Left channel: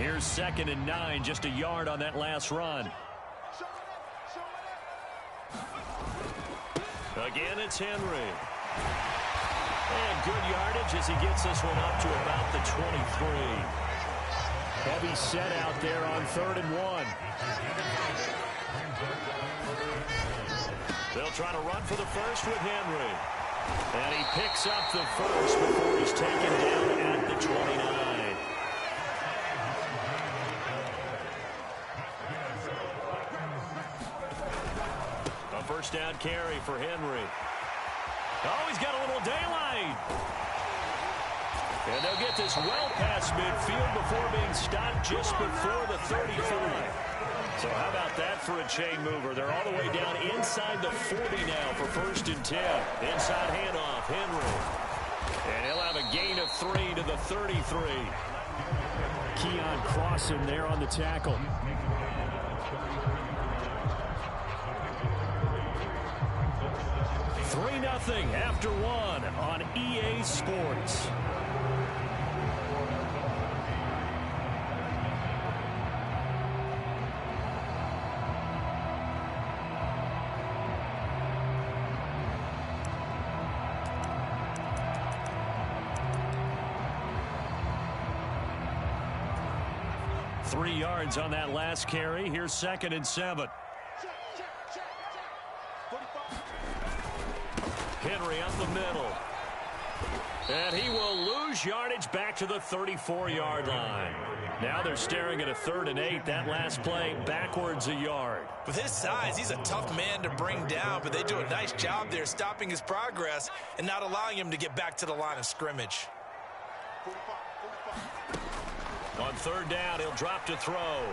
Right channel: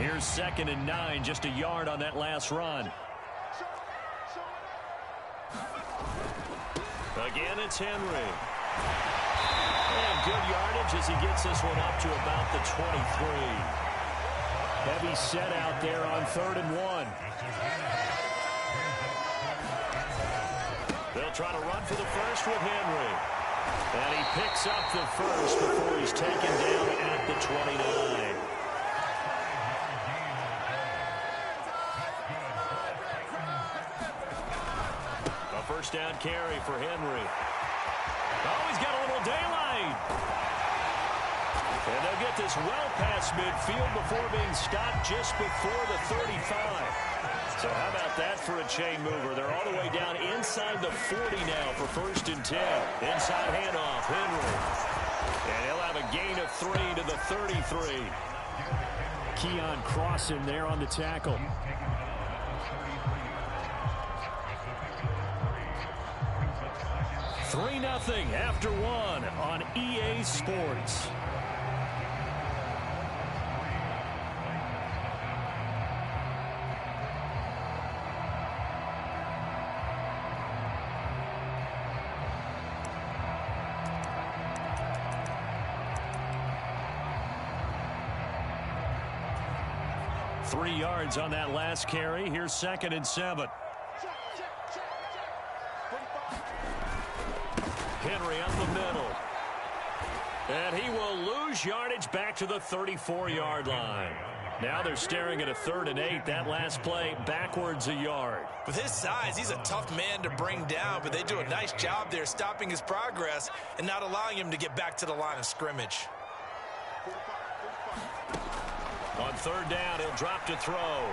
Here's 2nd and 9, just a yard on that last run. Again, it's Henry. And good yardage as he gets this one up to about the 23. Heavy set out there on 3rd and 1. They'll try to run for the first with Henry. And he picks up the first before he's taken down at the 29. A first down carry for Henry. Oh, he's got a little daylight. And they'll get this well past midfield before being stopped just before the 35. So how about that for a chain mover? They're all the way down inside the 40 now for 1st and 10. Inside handoff, Henry. And he'll have a gain of 3 to the 33. Keon Crossen there on the tackle. 3-0 after 1 on EA Sports. Three yards on that last carry. Here's 2nd and 7. Henry up the middle. And he will lose yardage back to the 34-yard line. Now they're staring at a 3rd and 8. That last play backwards a yard. With his size, he's a tough man to bring down, but they do a nice job there stopping his progress and not allowing him to get back to the line of scrimmage. On 3rd down, he'll drop to throw.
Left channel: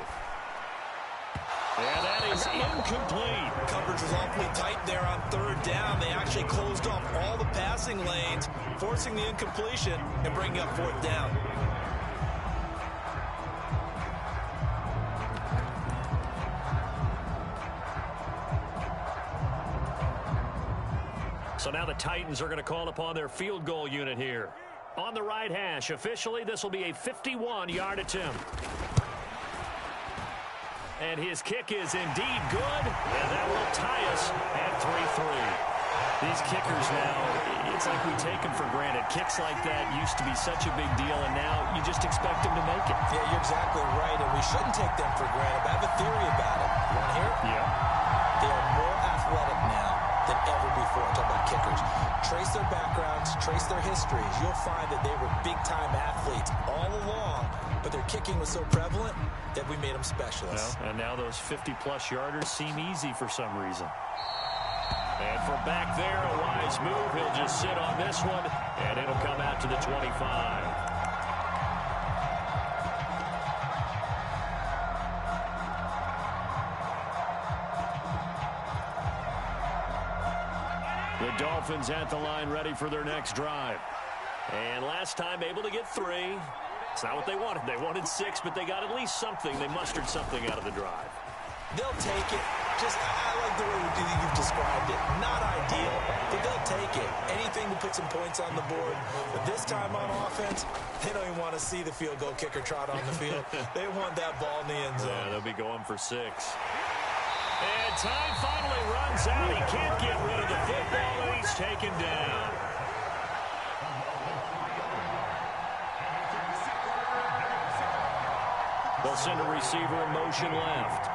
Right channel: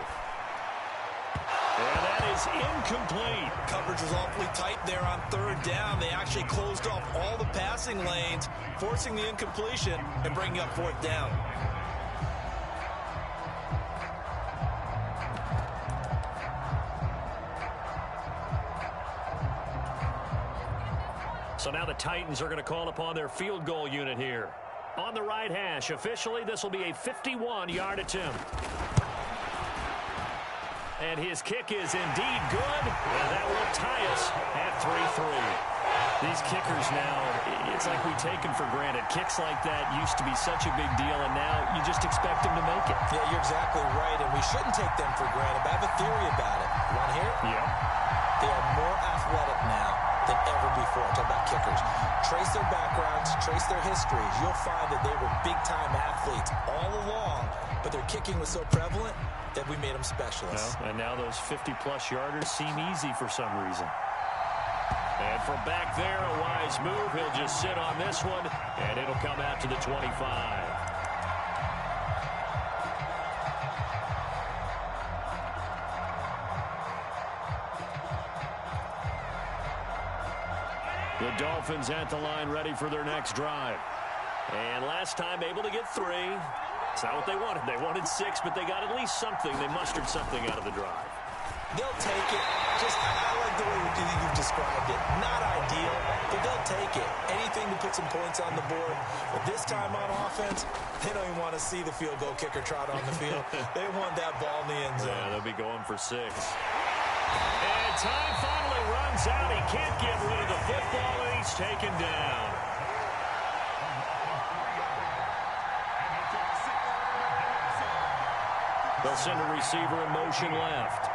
And that is incomplete. Coverage was awfully tight there on 3rd down. They actually closed off all the passing lanes, forcing the incompletion and bringing up 4th down. So now the Titans are going to call upon their field goal unit here. On the right hash, officially, this will be a 51-yard attempt. And his kick is indeed good, and that will tie us at 3-3. These kickers now, it's like we take them for granted. Kicks like that used to be such a big deal, and now you just expect them to make it. Yeah, you're exactly right, and we shouldn't take them for granted, but I have a theory about it. You want to hear it? Yeah. They are more athletic now than ever before. I'm talking about kickers. Trace their backgrounds, trace their histories. You'll find that they were big-time athletes all along, but their kicking was so prevalent that we made them specialists. Well, and now those 50-plus yarders seem easy for some reason. And from back there, a wise move. He'll just sit on this one, and it'll come out to the 25. The Dolphins at the line ready for their next drive. And last time able to get 3. It's not what they wanted. They wanted 6, but they got at least something. They mustered something out of the drive. They'll take it. I like the way you've described it. Not ideal, but they'll take it. Anything to put some points on the board. But this time on offense, they don't even want to see the field goal kicker trot on the field. They want that ball in the end zone. Yeah, they'll be going for 6. And time finally runs out. He can't get rid of the football, and he's taken down. They'll send a receiver in motion left.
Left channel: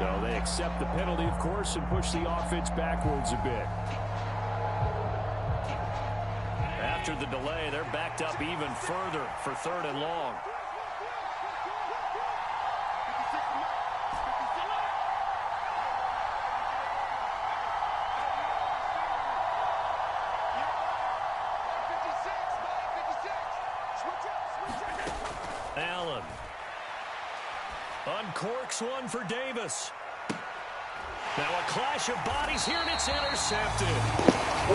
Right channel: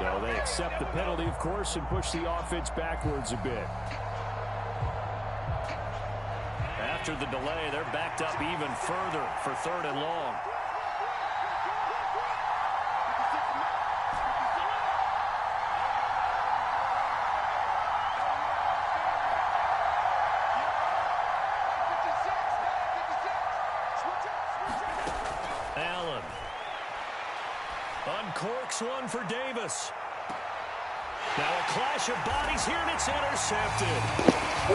So they accept the penalty, of course, and push the offense backwards a bit. After the delay, they're backed up even further for 3rd and long. Allen uncorks one for Davis. Now a clash of bodies here, and it's intercepted.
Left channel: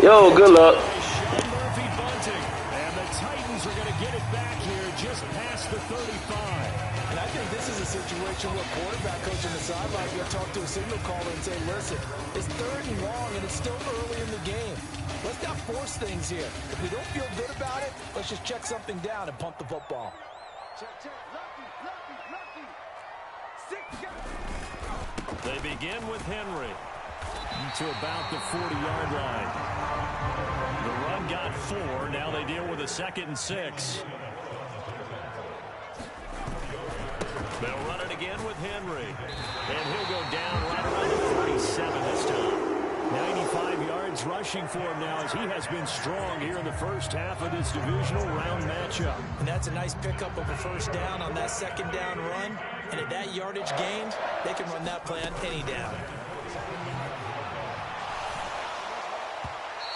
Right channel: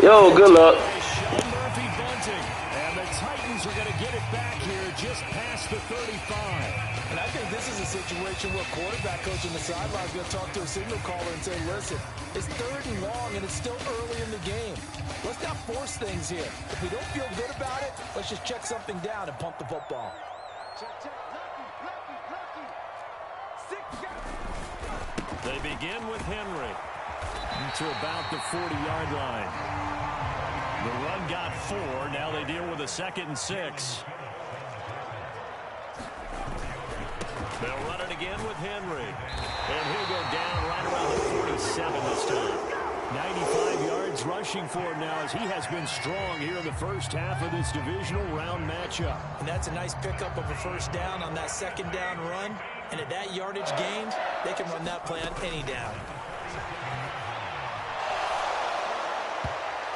Yo, good luck. Sean Murphy Bunting. And the Titans are going to get it back here just past the 35. And I think this is a situation where quarterback coach in the sideline is going to talk to a signal caller and say, listen, it's 3rd and long, and it's still early in the game. Let's not force things here. If we don't feel good about it, let's just check something down and pump the football. Check. Lucky. 6 yards. They begin with Henry to about the 40-yard line. The run got 4. Now they deal with a 2nd and 6. They'll run it again with Henry. And he'll go down right around the 47 this time. 95 yards rushing for him now as he has been strong here in the first half of this divisional round matchup. And that's a nice pickup of a 1st down on that 2nd down run. And at that yardage gained, they can run that play on any down.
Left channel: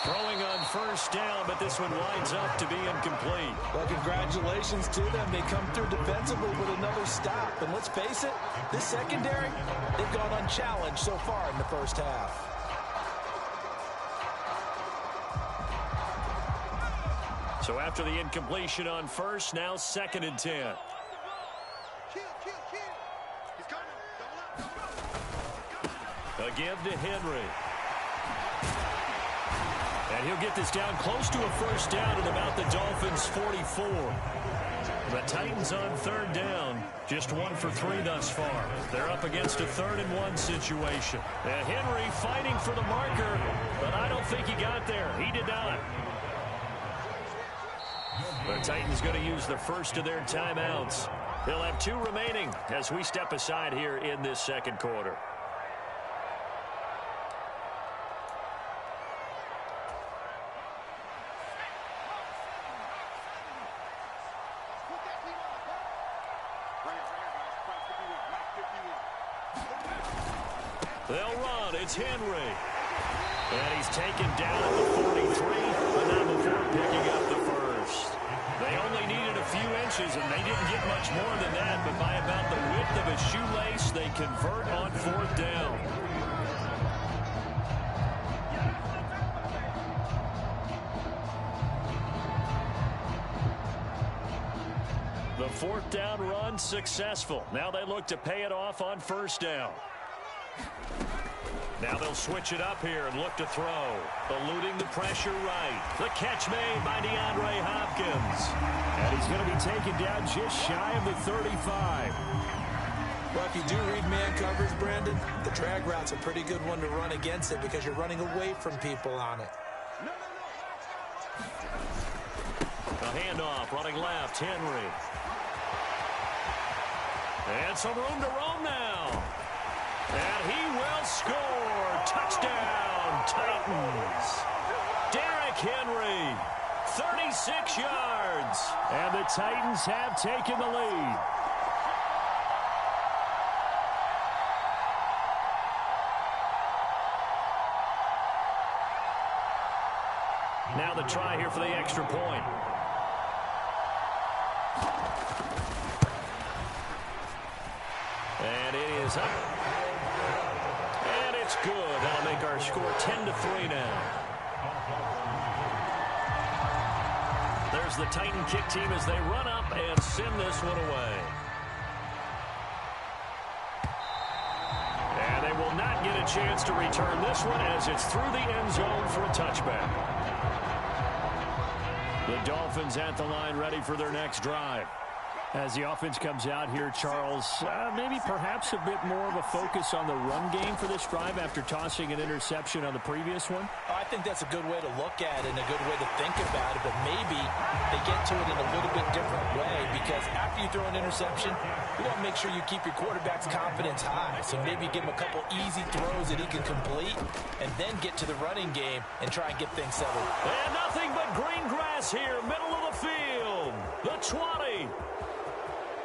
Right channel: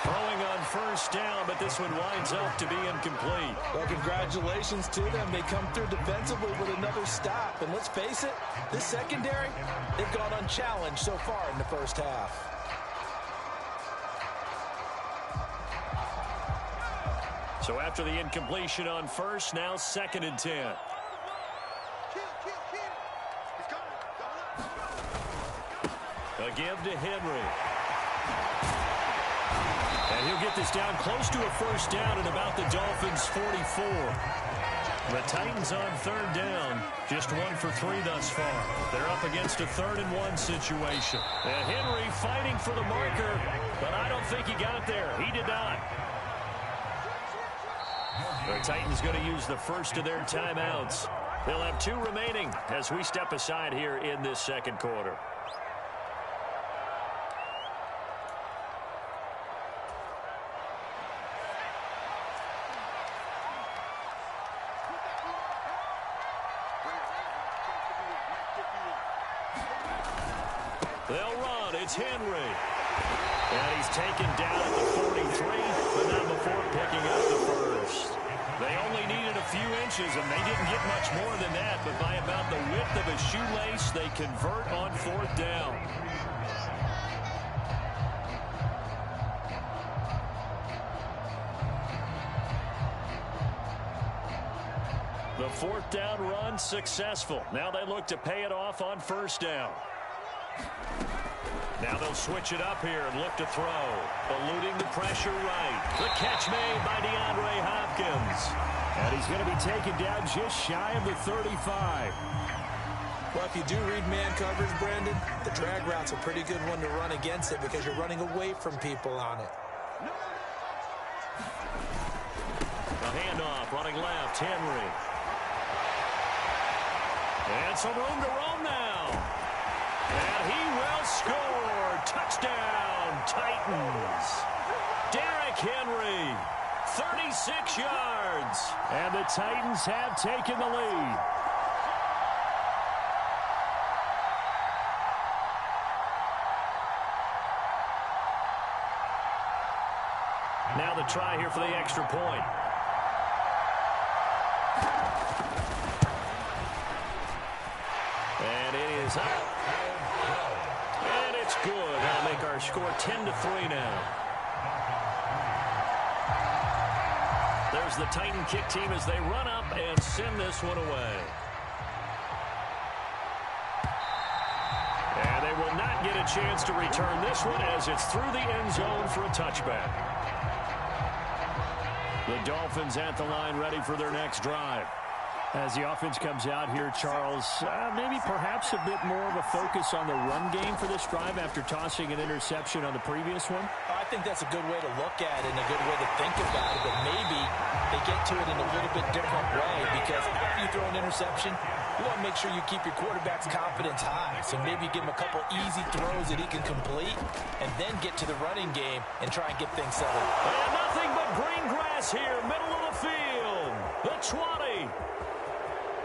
Throwing on 1st down, but this one winds up to be incomplete. Well, congratulations to them. They come through defensively with another stop. And let's face it, this secondary, they've gone unchallenged so far in the first half. So after the incompletion on 1st, now 2nd and 10. Kill. He's coming. A give to Henry. And he'll get this down close to a 1st down at about the Dolphins' 44. The Titans on 3rd down. Just 1 for 3 thus far. They're up against a 3rd and 1 situation. And Henry fighting for the marker, but I don't think he got there. He did not. The Titans going to use the first of their timeouts. They'll have 2 remaining as we step aside here in this 2nd quarter. They'll run. It's Henry. And he's taken down at the 43, but not before picking up the 1st. They only needed a few inches, and they didn't get much more than that, but by about the width of a shoelace, they convert on 4th down. The 4th down run successful. Now they look to pay it off on 1st down. Now they'll switch it up here and look to throw. Eluding the pressure right. The catch made by DeAndre Hopkins. And he's going to be taken down just shy of the 35. Well, if you do read man coverage, Brandon, the drag route's a pretty good one to run against it because you're running away from people on it. A handoff, running left, Henry. And some room to roam now. And he will score. Touchdown, Titans. Derrick Henry, 36 yards. And the Titans have taken the lead. Now the try here for the extra point. And it is up. And it's good. That'll make our score 10-3 now. There's the Titan kick team as they run up and send this one away. And they will not get a chance to return this one as it's through the end zone for a touchback. The Dolphins at the line ready for their next drive. As the offense comes out here, Charles, maybe perhaps a bit more of a focus on the run game for this drive after tossing an interception on the previous one? I think that's a good way to look at it and a good way to think about it, but maybe they get to it in a little bit different way because after you throw an interception, you want to make sure you keep your quarterback's confidence high. So maybe give him a couple easy throws that he can complete and then get to the running game and try and get things settled. And nothing but green grass here, middle of the field. The 20.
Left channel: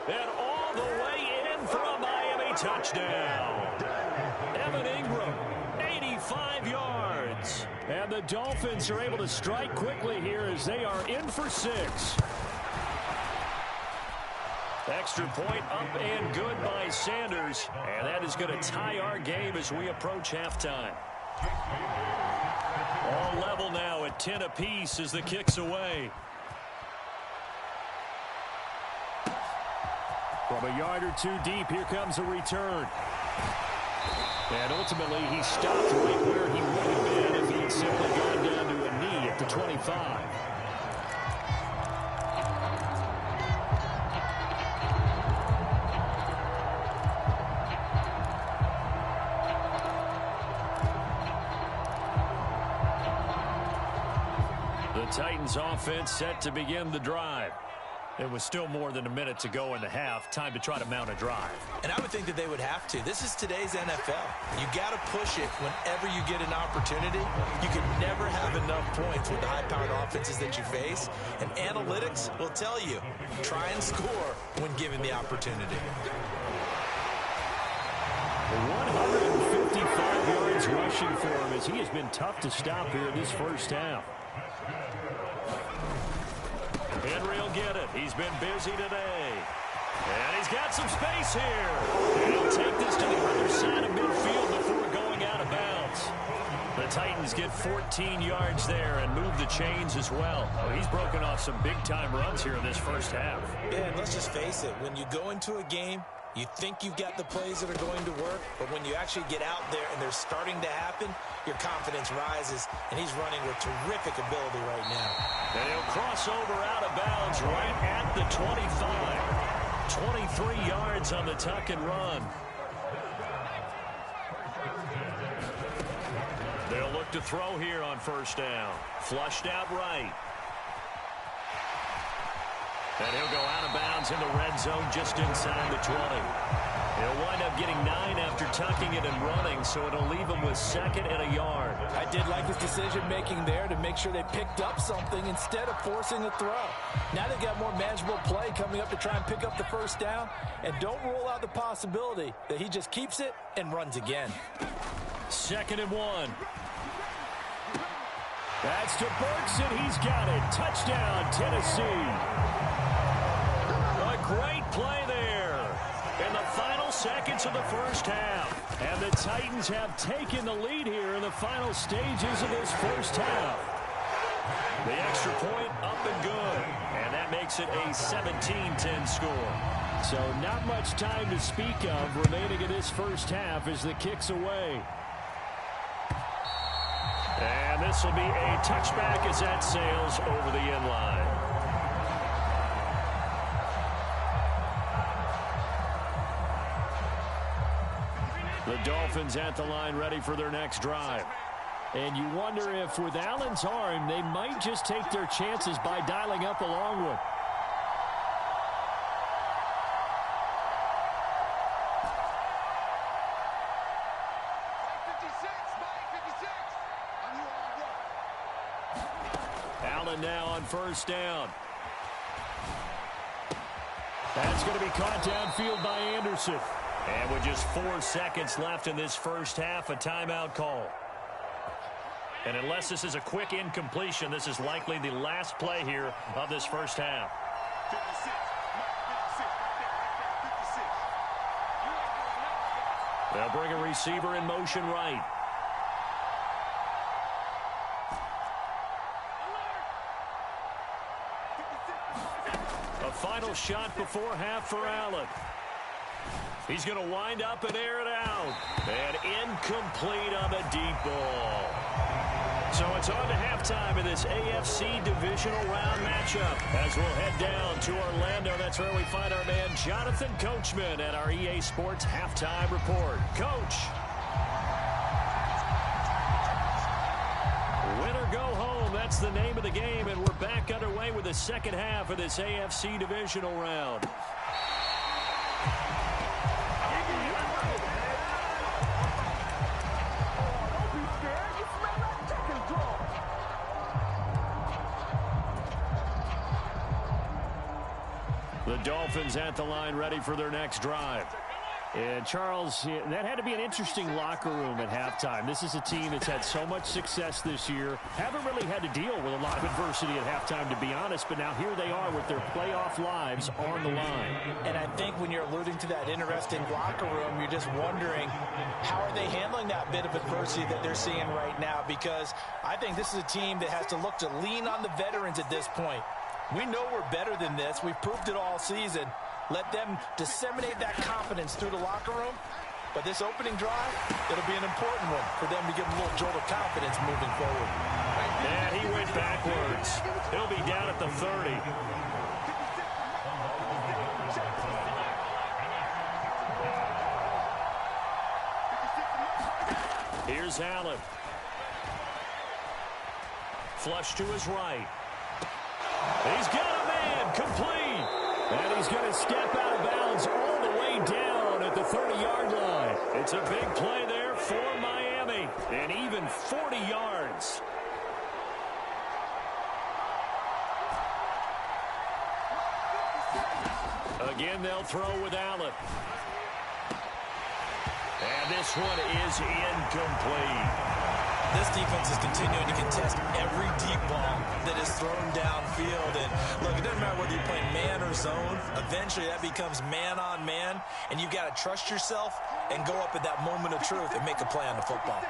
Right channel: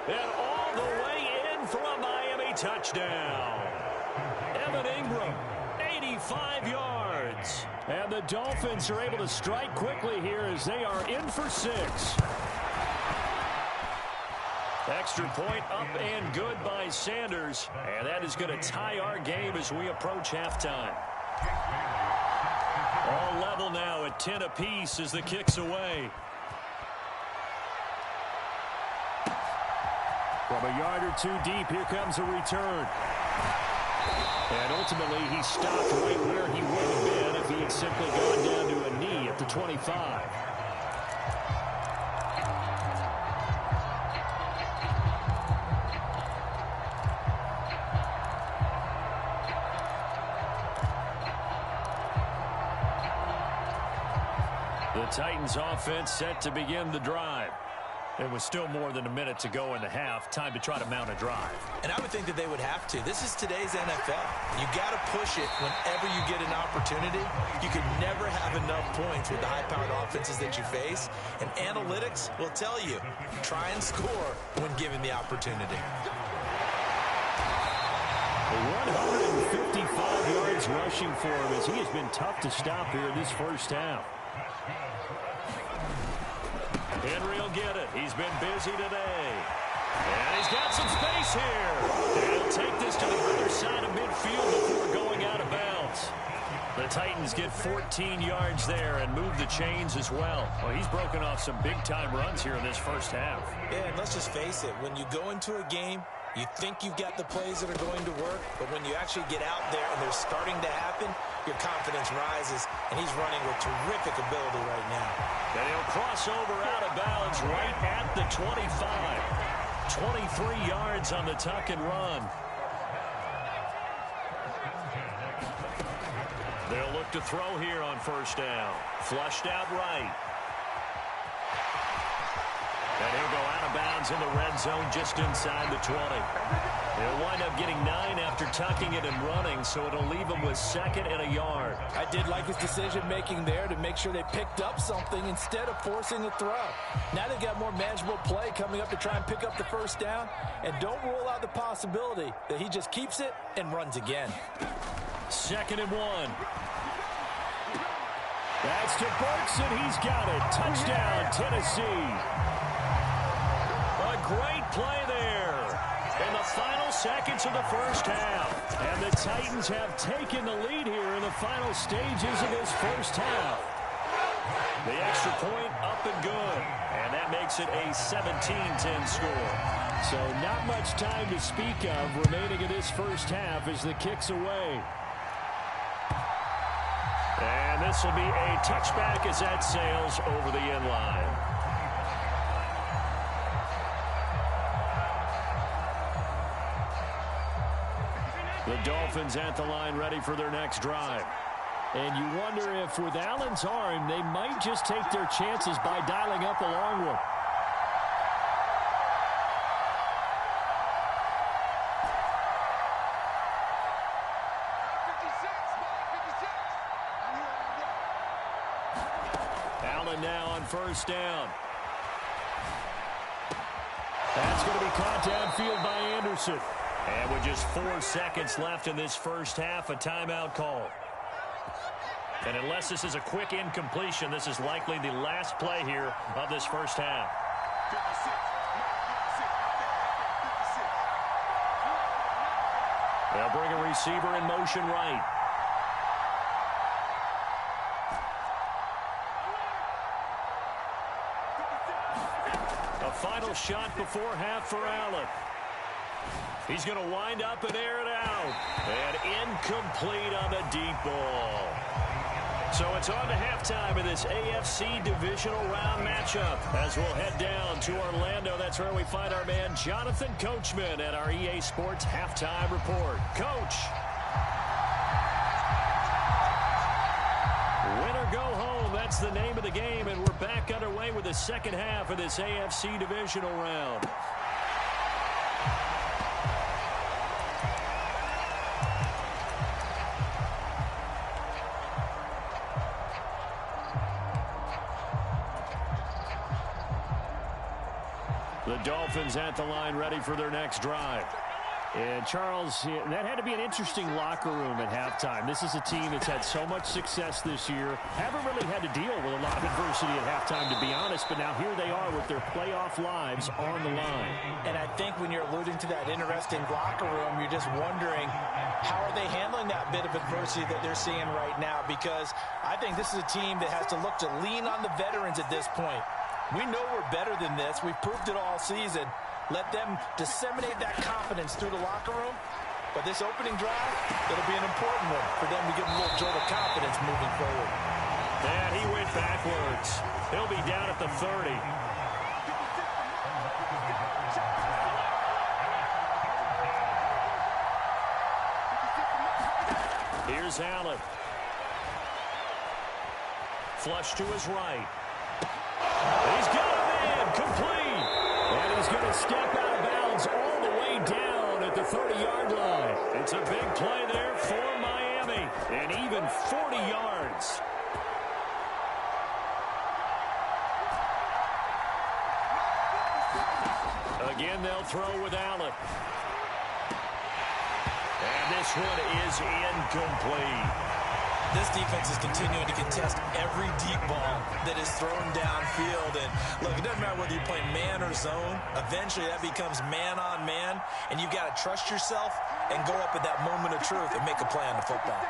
And all the way in for a Miami touchdown. Evan Ingram, 85 yards. And the Dolphins are able to strike quickly here as they are in for 6. Extra point up and good by Sanders. And that is going to tie our game as we approach halftime. All level now at 10 apiece as the kick's away. From a yard or two deep, here comes a return. And ultimately, he stopped right where he would have been if he had simply gone down to a knee at the 25. The Titans offense set to begin the drive. It was still more than a minute to go in the half. Time to try to mount a drive. And I would think that they would have to. This is today's NFL. You got to push it whenever you get an opportunity. You can never have enough points with the high-powered offenses that you face. And analytics will tell you, try and score when given the opportunity. 155 yards rushing for him as he has been tough to stop here in this first half. Henry will get it. He's been busy today. And he's got some space here. And he'll take this to the other side of midfield before going out of bounds. The Titans get 14 yards there and move the chains as well. Well, he's broken off some big-time runs here in this first half. Yeah, and let's just face it. When you go into a game, you think you've got the plays that are going to work, but when you actually get out there and they're starting to happen, your confidence rises, and he's running with terrific ability right now. And he'll cross over out of bounds right at the 25. 23 yards on the tuck and run. They'll look to throw here on first down. Flushed out right. And he'll go out of bounds in the red zone just inside the 20. He'll wind up getting 9 after tucking it and running, so it'll leave him with 2nd and a yard. I did like his decision-making there to make sure they picked up something instead of forcing a throw. Now they've got more manageable play coming up to try and pick up the first down, and don't rule out the possibility that he just keeps it and runs again. 2nd and 1. That's to Burks, and he's got it. Touchdown, Tennessee. A great play there in the final seconds of the first half. And the Titans have taken the lead here in the final stages of this first half. The extra point up and good. And that makes it a 17-10 score. So not much time to speak of remaining in this first half as the kick's away. And this will be a touchback as that sails over the end line. The Dolphins at the line ready for their next drive. And you wonder if with Allen's arm, they might just take their chances by dialing up a long one. Allen now on first down. That's going to be caught downfield by Anderson. And with just 4 seconds left in this first half, a timeout call. And unless this is a quick incompletion, this is likely the last play here of this first half. 56. They'll bring a receiver in motion right. A final shot before half for Allen. He's going to wind up and air it out. And incomplete on the deep ball. So it's on to halftime in this AFC divisional round matchup. As we'll head down to Orlando, that's where we find our man Jonathan Coachman at our EA Sports Halftime Report. Coach. Win or go home, that's the name of the game, and we're back underway with the second half of this AFC divisional round. The Dolphins at the line ready for their next drive. And, Charles, that had to be an interesting locker room at halftime. This is a team that's had so much success this year. Haven't really had to deal with a lot of adversity at halftime, to be honest. But now here they are with their playoff lives on the line. And I think when you're alluding to that interesting locker room, you're just wondering, how are they handling that bit of adversity that they're seeing right now? Because I think this is a team that has to look to lean on the veterans at this point. We know we're better than this. We've proved it all season. Let them disseminate that confidence through the locker room. But this opening drive, it'll be an important one for them to give them a little jolt of confidence moving forward. And he went backwards. He'll be down at the 30. Here's Allen. Flush to his right. He's got a man complete. And he's going to step out of bounds all the way down at the 30-yard line. It's a big play there for Miami. And even 40 yards. Again, they'll throw with Allen. And this one is incomplete. This defense is continuing to contest every deep ball that is thrown downfield. And look, it doesn't matter whether you're playing man or zone. Eventually, that becomes man on man. And you've got to trust yourself and go up at that moment of truth and make a play on the football.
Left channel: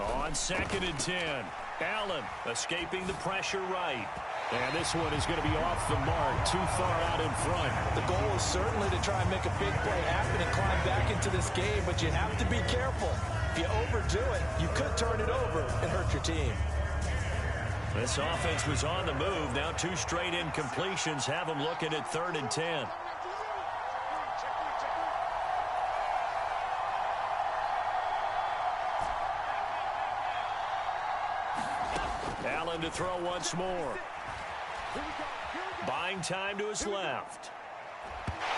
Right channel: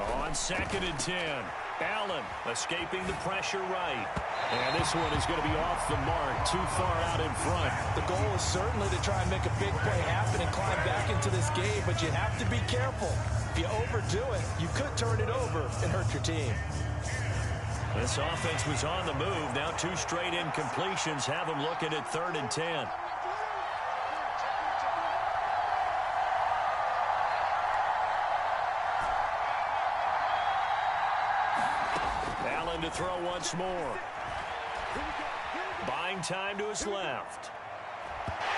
On 2nd and 10, Allen escaping the pressure right. And this one is going to be off the mark, too far out in front. The goal is certainly to try and make a big play happen and climb back into this game, but you have to be careful. If you overdo it, you could turn it over and hurt your team. This offense was on the move. Now 2 straight incompletions have them looking at 3rd and 10. Allen to throw once more. Buying time to his left.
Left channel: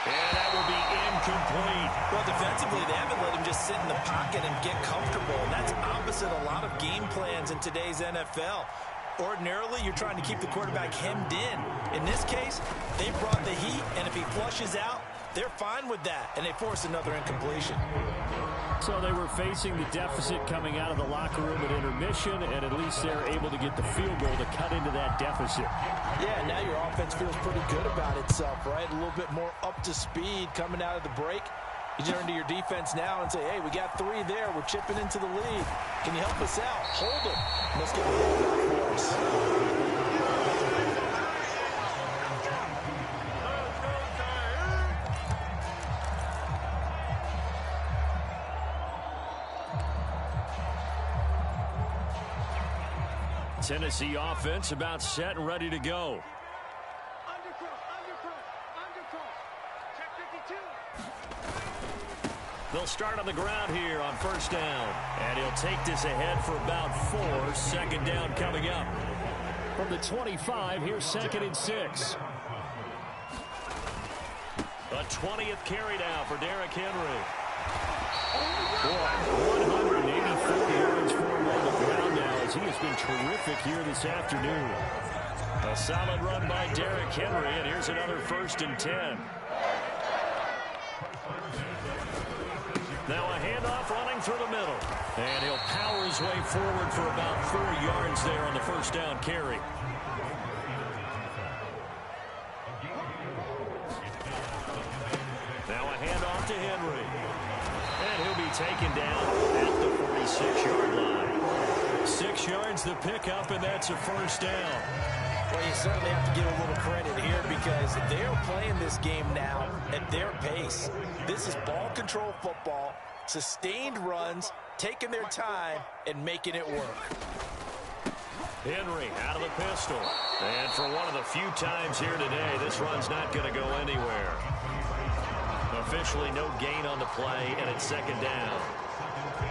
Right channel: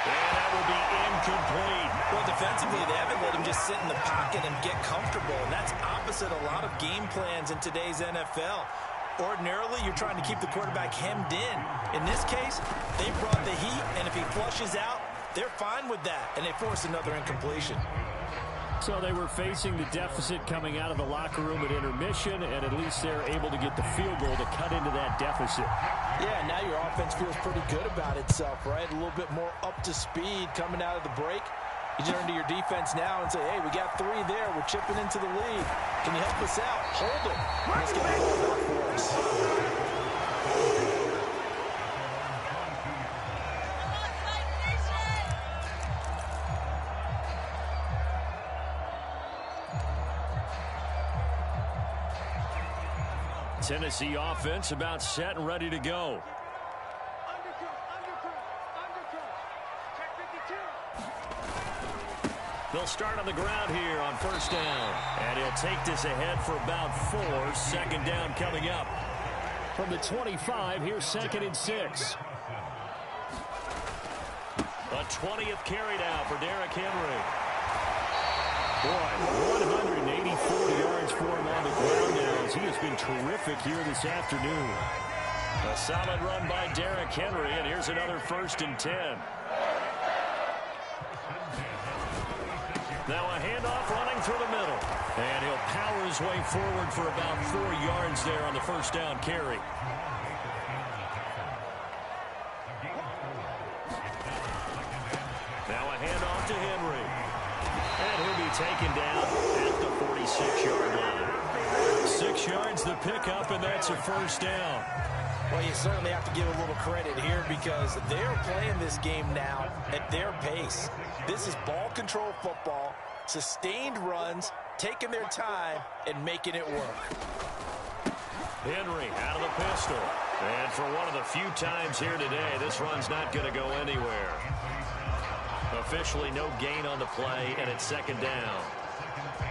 And that will be incomplete. Well, defensively, they haven't let him just sit in the pocket and get comfortable, and that's opposite a lot of game plans in today's NFL. Ordinarily, you're trying to keep the quarterback hemmed in. In this case, they brought the heat, and if he flushes out, they're fine with that, and they force another incompletion. So they were facing the deficit coming out of the locker room at intermission, and at least they're able to get the field goal to cut into that deficit. Yeah, now your offense feels pretty good about itself, right? A little bit more up to speed coming out of the break. You turn to your defense now and say, hey, we got 3 there. We're chipping into the lead. Can you help us out? Hold them. Let's get the ball back for us. Tennessee offense about set and ready to go. They'll start on the ground here on 1st down. And he'll take this ahead for about 4. 2nd down coming up. From the 25, here's 2nd and 6. A 20th carry now for Derrick Henry. Boy, 184 yards for him on the ground now as he has been terrific here this afternoon. A solid run by Derrick Henry, and here's another 1st and 10. Now a handoff running through the middle. And he'll power his way forward for about 4 yards there on the 1st down carry. Now a handoff to Henry. And he'll be taken down at the 46-yard line. 6 yards the pickup, and that's a 1st down. Well, you certainly have to give a little credit here because they're playing this game now at their pace. This is ball control football, sustained runs, taking their time, and making it work. Henry out of the pistol. And for one of the few times here today, this run's not going to go anywhere. Officially no gain on the play, and it's 2nd down.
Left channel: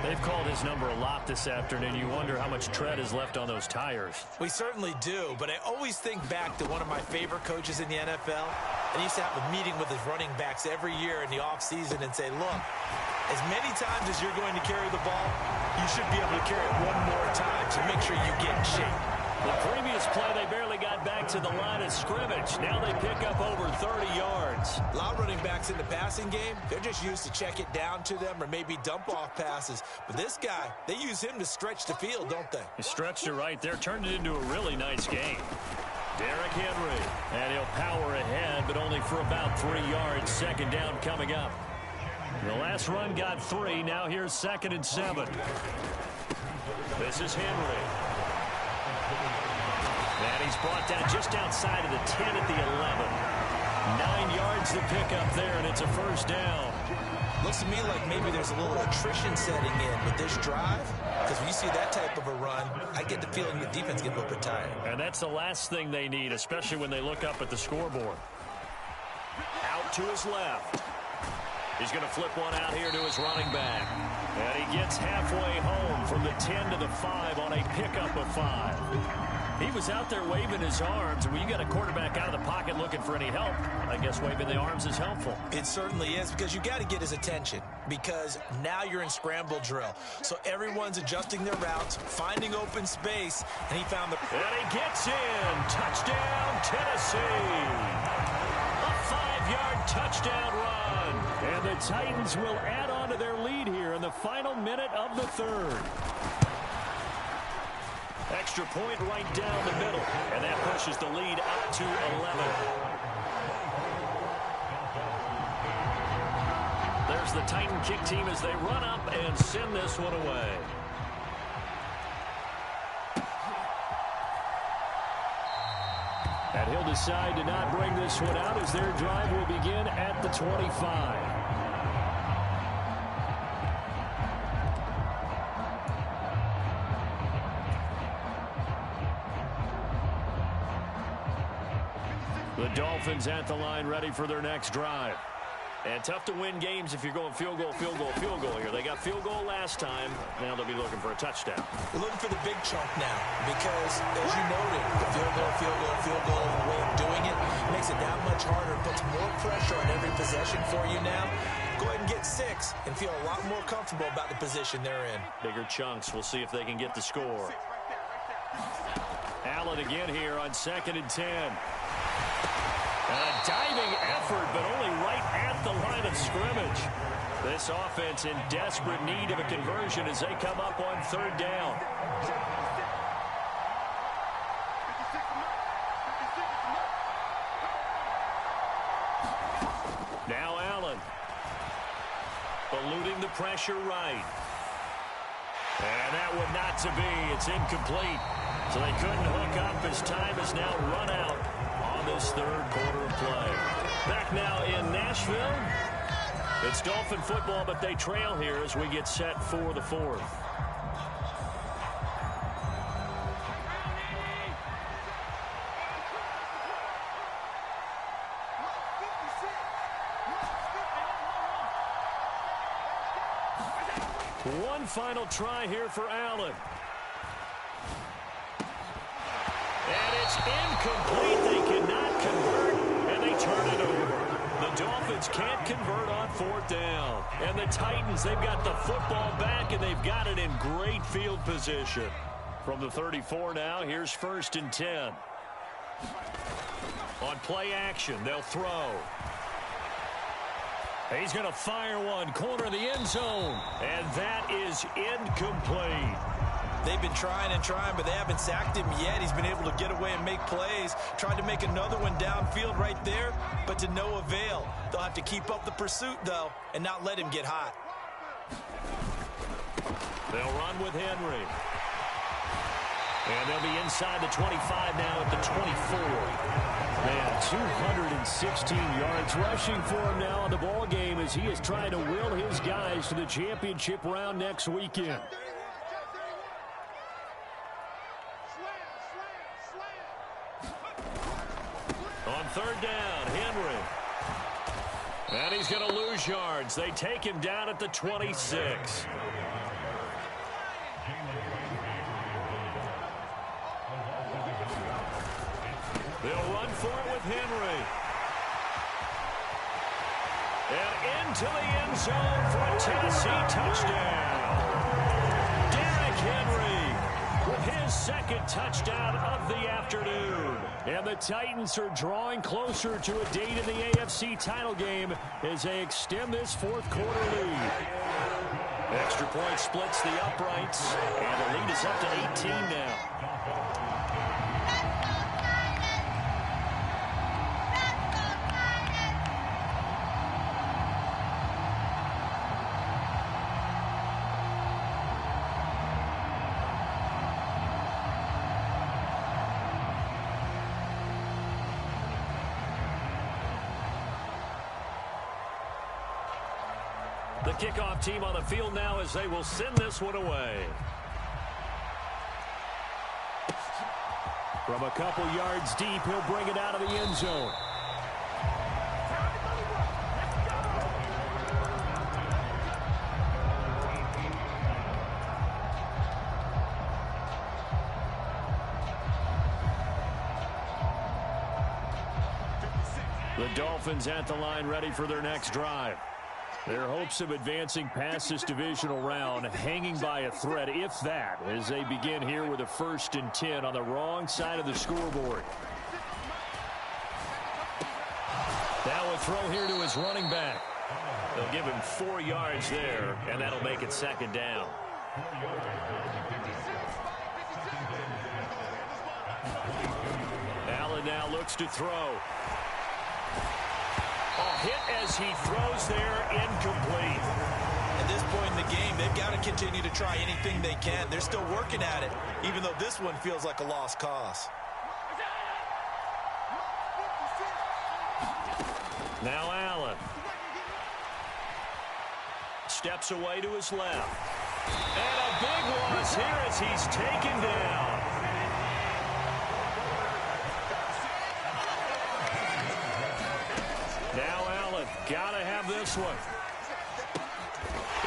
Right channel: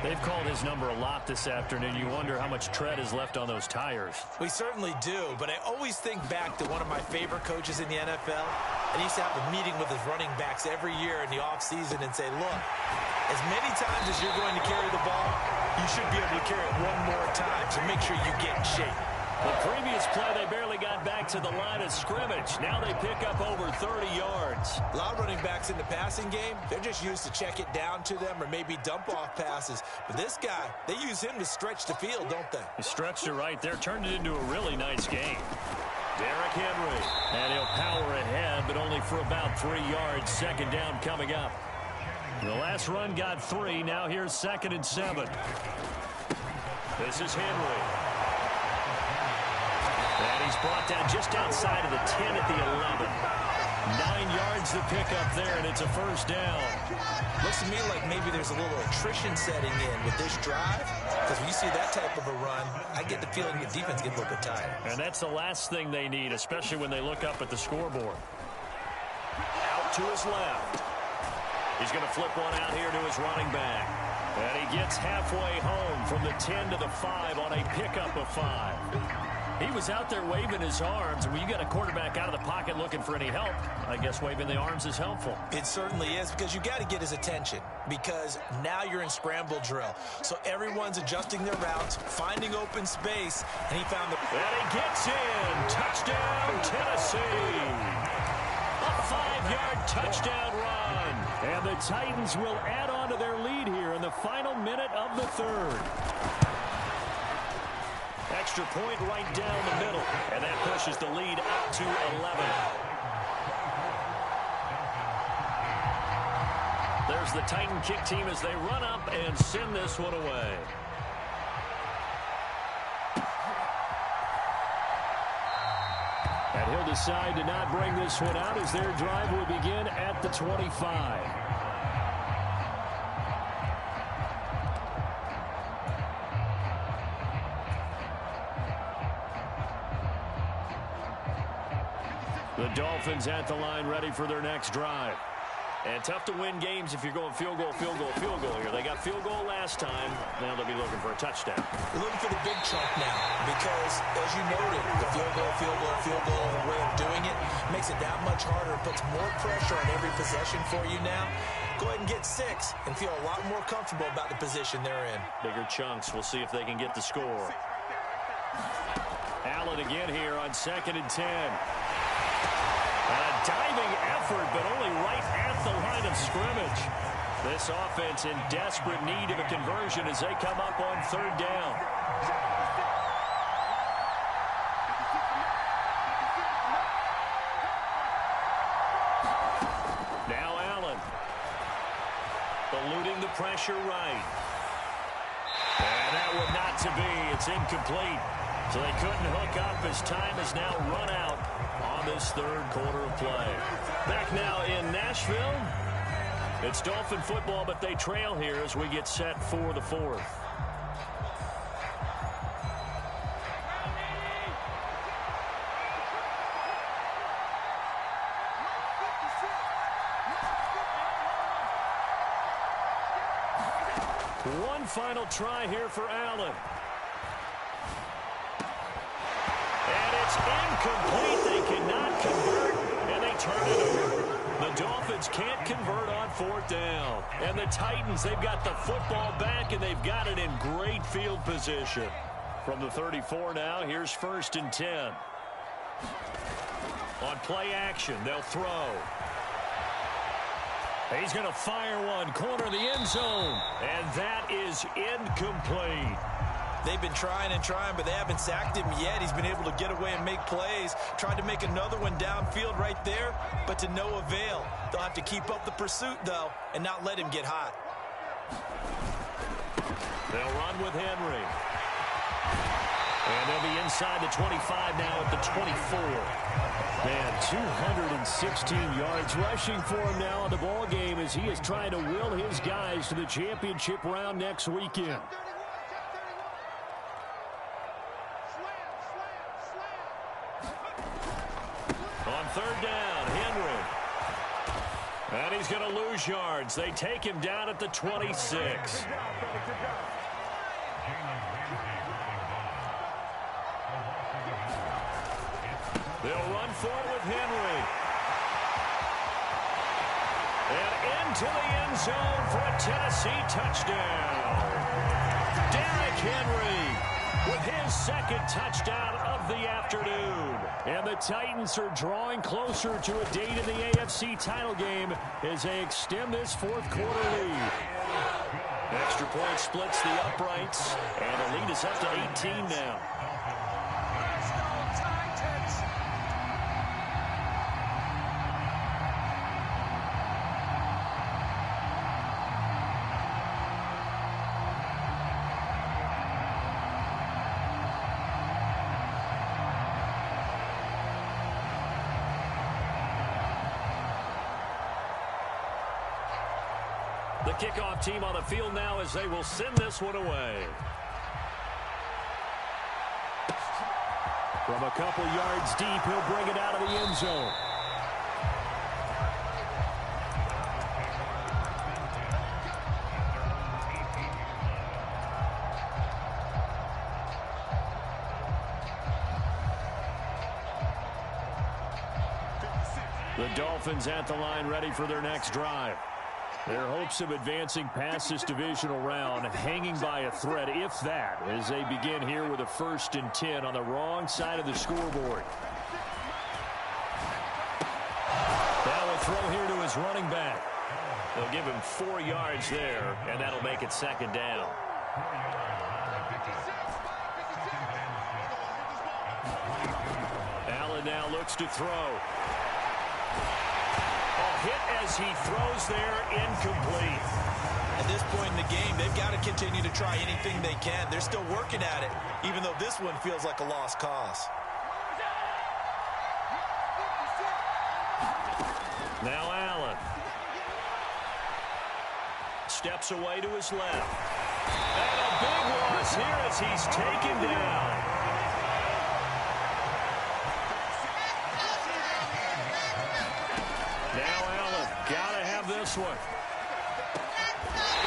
They've called his number a lot this afternoon. You wonder how much tread is left on those tires. We certainly do, but I always think back to one of my favorite coaches in the NFL. And he used to have a meeting with his running backs every year in the offseason and say, look, as many times as you're going to carry the ball, you should be able to carry it one more time, so make sure you get in shape. The previous play, they barely got back to the line of scrimmage. Now they pick up over 30 yards. A lot of running backs in the passing game, they're just used to check it down to them or maybe dump off passes. But this guy, they use him to stretch the field, don't they? He stretched it right there, turned it into a really nice game. Derrick Henry, and he'll power ahead, but only for about 3 yards. Second down coming up. The last run got 3. Now here's 2nd and 7. This is Henry. And he's brought down just outside of the 10 at the 11. 9 yards to pick up there, and it's a first down. Looks to me like maybe there's a little attrition setting in with this drive, because when you see that type of a run, I get the feeling the defense gets a little bit tired. And that's the last thing they need, especially when they look up at the scoreboard. Out to his left. He's going to flip one out here to his running back. And he gets halfway home from the 10 to the 5 on a pickup of 5. He was out there waving his arms, and when you got a quarterback out of the pocket looking for any help, I guess waving the arms is helpful. It certainly is, because you got to get his attention, because now you're in scramble drill. So everyone's adjusting their routes, finding open space, and he found the... And he gets in. Touchdown, Tennessee. A 5-yard touchdown run. And the Titans will add on to their lead here in the final minute of the 3rd. Extra point right down the middle, and that pushes the lead up to 11. There's the Titan kick team as they run up and send this one away. And he'll decide to not bring this one out as their drive will begin at the 25. The Dolphins at the line ready for their next drive. And tough to win games if you're going field goal, field goal, field goal here. They got field goal last time. Now they'll be looking for a touchdown. They're looking for the big chunk now because, as you noted, the field goal, field goal, field goal way of doing it makes it that much harder. Puts more pressure on every possession for you now. Go ahead and get 6 and feel a lot more comfortable about the position they're in. Bigger chunks. We'll see if they can get the score. Allen again here on 2nd and 10. And a diving effort, but only right at the line of scrimmage. This offense in desperate need of a conversion as they come up on 3rd down. Now Allen. Eluding the pressure right. And that one not to be. It's incomplete. So they couldn't hook up as time has now run out on this 3rd quarter of play. Back now in Nashville. It's Dolphin football, but they trail here as we get set for the 4th. One final try here for Allen. And it's incomplete. They cannot convert, and they turn it over. The Dolphins can't convert on 4th down. And the Titans, they've got the football back, and they've got it in great field position. From the 34 now, here's 1st and 10. On play action, they'll throw. He's going to fire one, corner of the end zone. And that is incomplete. They've been trying and trying, but they haven't sacked him yet. He's been able to get away and make plays. Tried to make another one downfield right there, but to no avail. They'll have to keep up the pursuit, though, and not let him get hot. They'll run with Henry. And they'll be inside the 25 now at the 24. Man, 216 yards rushing for him now in the ball game as he is trying to will his guys to the championship round next weekend. On 3rd down, Henry. And he's going to lose yards. They take him down at the 26. They'll run for it with Henry. And into the end zone for a Tennessee touchdown. Derrick Henry with his second touchdown of the afternoon. And the Titans are drawing closer to a date in the AFC title game as they extend this fourth quarter lead. Extra point splits the uprights, and the lead is up to 18 now. The kickoff team on the field now as they will send this one away. From a couple yards deep, he'll bring it out of the end zone. The Dolphins at the line ready for their next drive. Their hopes of advancing past this divisional round hanging by a thread, if that, as they begin here with a 1st and 10 on the wrong side of the scoreboard. Now a throw here to his running back. They'll give him 4 yards there, and that'll make it 2nd down. Allen now looks to throw. Hit as he throws there, incomplete. At this point in the game, they've got to continue to try anything they can. They're still working at it, even though this one feels like a lost cause. Now Allen. Steps away to his left. And a big loss here as he's taken down. Now Allen, gotta have this one.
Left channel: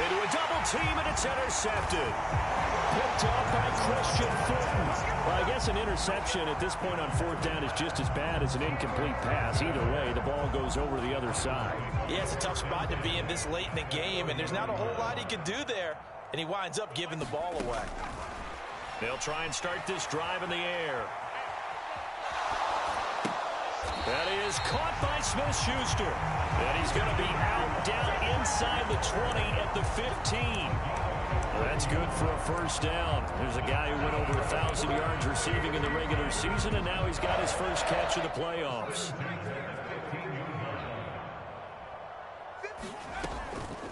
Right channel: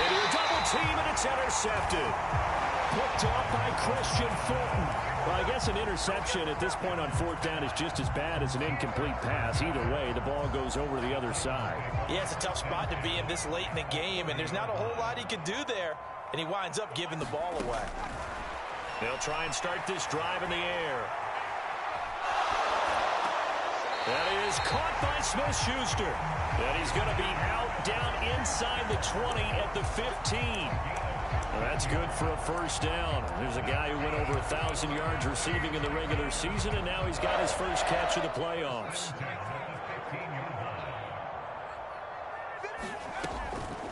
Into a double team, and it's intercepted. Picked up by Christian Fulton. Well, I guess an interception at this point on 4th down is just as bad as an incomplete pass. Either way, the ball goes over the other side. Yeah, it's a tough spot to be in this late in the game, and there's not a whole lot he can do there, and he winds up giving the ball away. They'll try and start this drive in the air. That is caught by Smith-Schuster. And he's going to be out down inside the 20 at the 15. Well, that's good for a 1st down. There's a guy who went over 1,000 yards receiving in the regular season, and now he's got his first catch of the playoffs.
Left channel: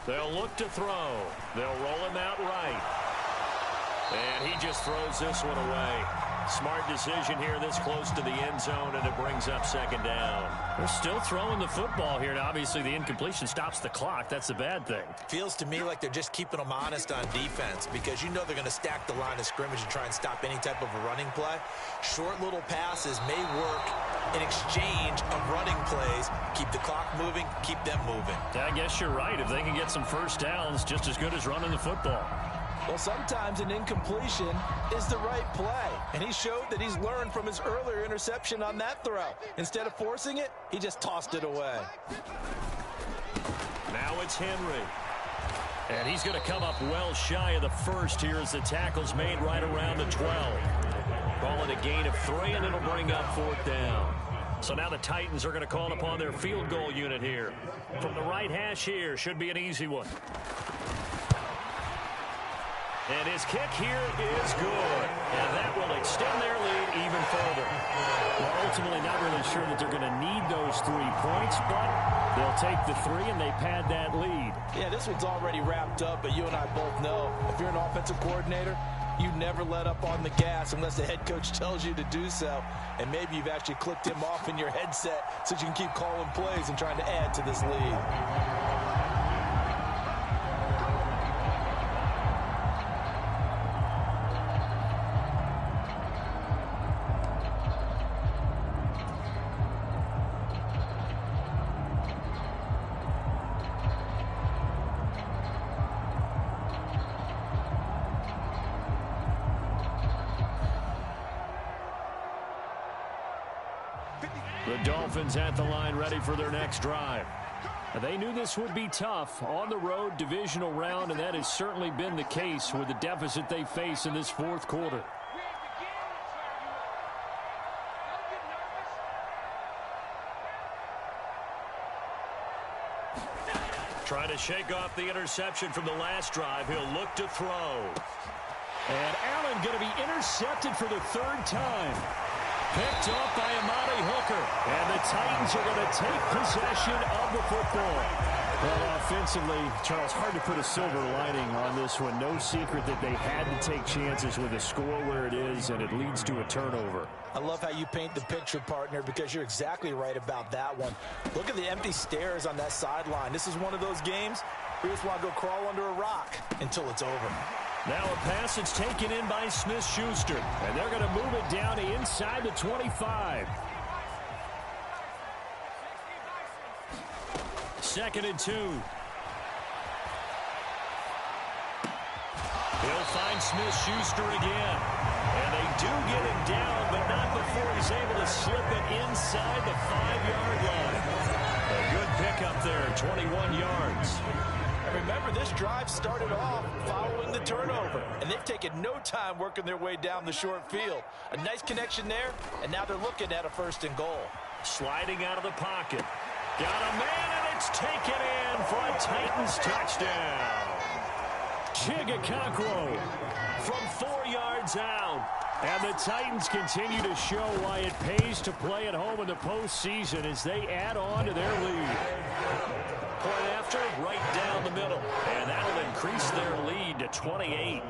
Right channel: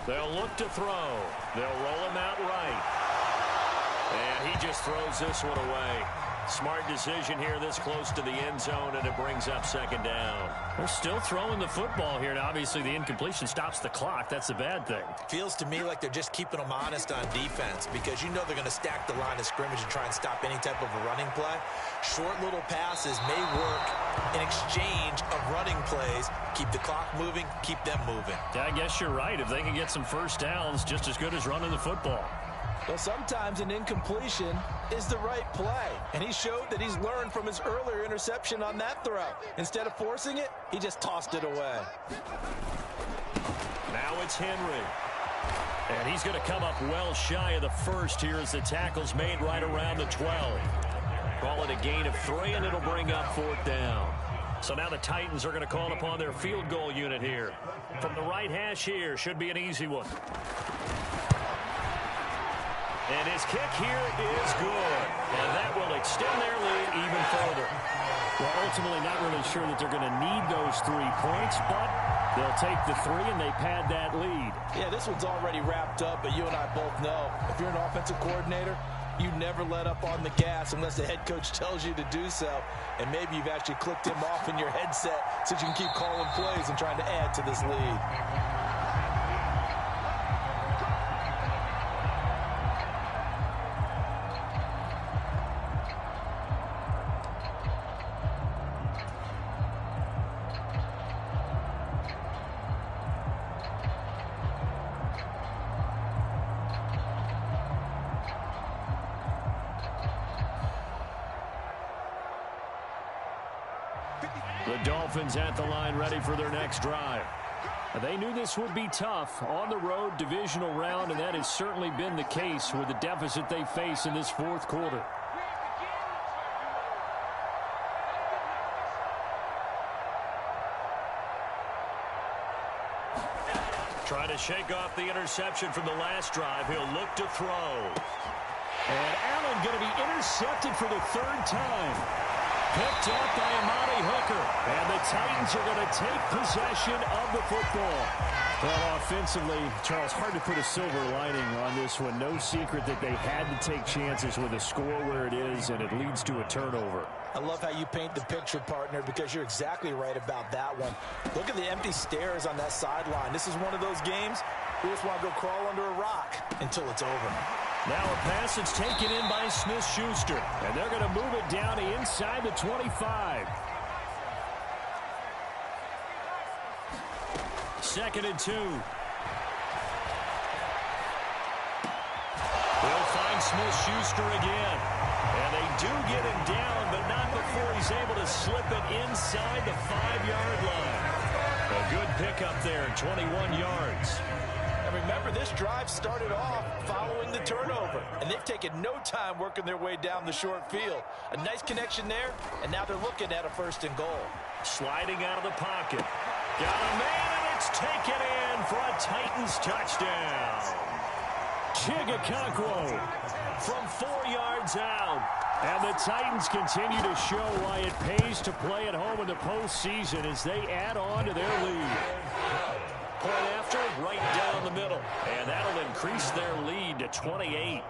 They'll look to throw. They'll roll him out right. And he just throws this one away. Smart decision here this close to the end zone, and it brings up 2nd down. They're still throwing the football here, and obviously the incompletion stops the clock. That's the bad thing. Feels to me like they're just keeping them honest on defense because you know they're going to stack the line of scrimmage and try and stop any type of a running play. Short little passes may work in exchange of running plays. Keep the clock moving, keep them moving. Yeah, I guess you're right. If they can get some 1st downs, just as good as running the football. Well, sometimes an incompletion is the right play, and he showed that he's learned from his earlier interception on that throw. Instead of forcing it, he just tossed it away. Now it's Henry. And he's going to come up well shy of the 1st here as the tackle's made right around the 12. Call it a gain of 3, and it'll bring up 4th down. So now the Titans are going to call upon their field goal unit here. From the right hash here, should be an easy one. And his kick here is good. And that will extend their lead even further. Well, ultimately not really sure that they're going to need those 3 points, but they'll take the 3 and they pad that lead. Yeah, this one's already wrapped up, but you and I both know if you're an offensive coordinator, you never let up on the gas unless the head coach tells you to do so. And maybe you've actually clicked him off in your headset so you can keep calling plays and trying to add to this lead. The Dolphins at the line ready for their next drive. They knew this would be tough on the road divisional round, and that has certainly been the case with the deficit they face in this fourth quarter. Trying to shake off the interception from the last drive. He'll look to throw. And Allen going to be intercepted for the third time. Picked up by Amani Hooker. And the Titans are going to take possession of the football. Well, offensively, Charles, hard to put a silver lining on this one. No secret that they had to take chances with a score where it is, and it leads to a turnover. I love how you paint the picture, partner, because you're exactly right about that one. Look at the empty stares on that sideline. This is one of those games where you just want to go crawl under a rock until it's over. Now a pass that's taken in by Smith-Schuster, and they're going to move it down to inside the 25. 2nd and 2. He'll find Smith-Schuster again. And they do get him down, but not before he's able to slip it inside the 5-yard line. A good pickup there, 21 yards. And remember, this drive started off following the turnover, and they've taken no time working their way down the short field. A nice connection there, and now they're looking at a 1st and goal. Sliding out of the pocket. Got a man, and it's taken in for a Titans touchdown. Chigakonkwo from 4 yards out. And the Titans continue to show why it pays to play at home in the postseason as they add on to their lead. Point after, right down the middle. And that'll increase their lead to 28.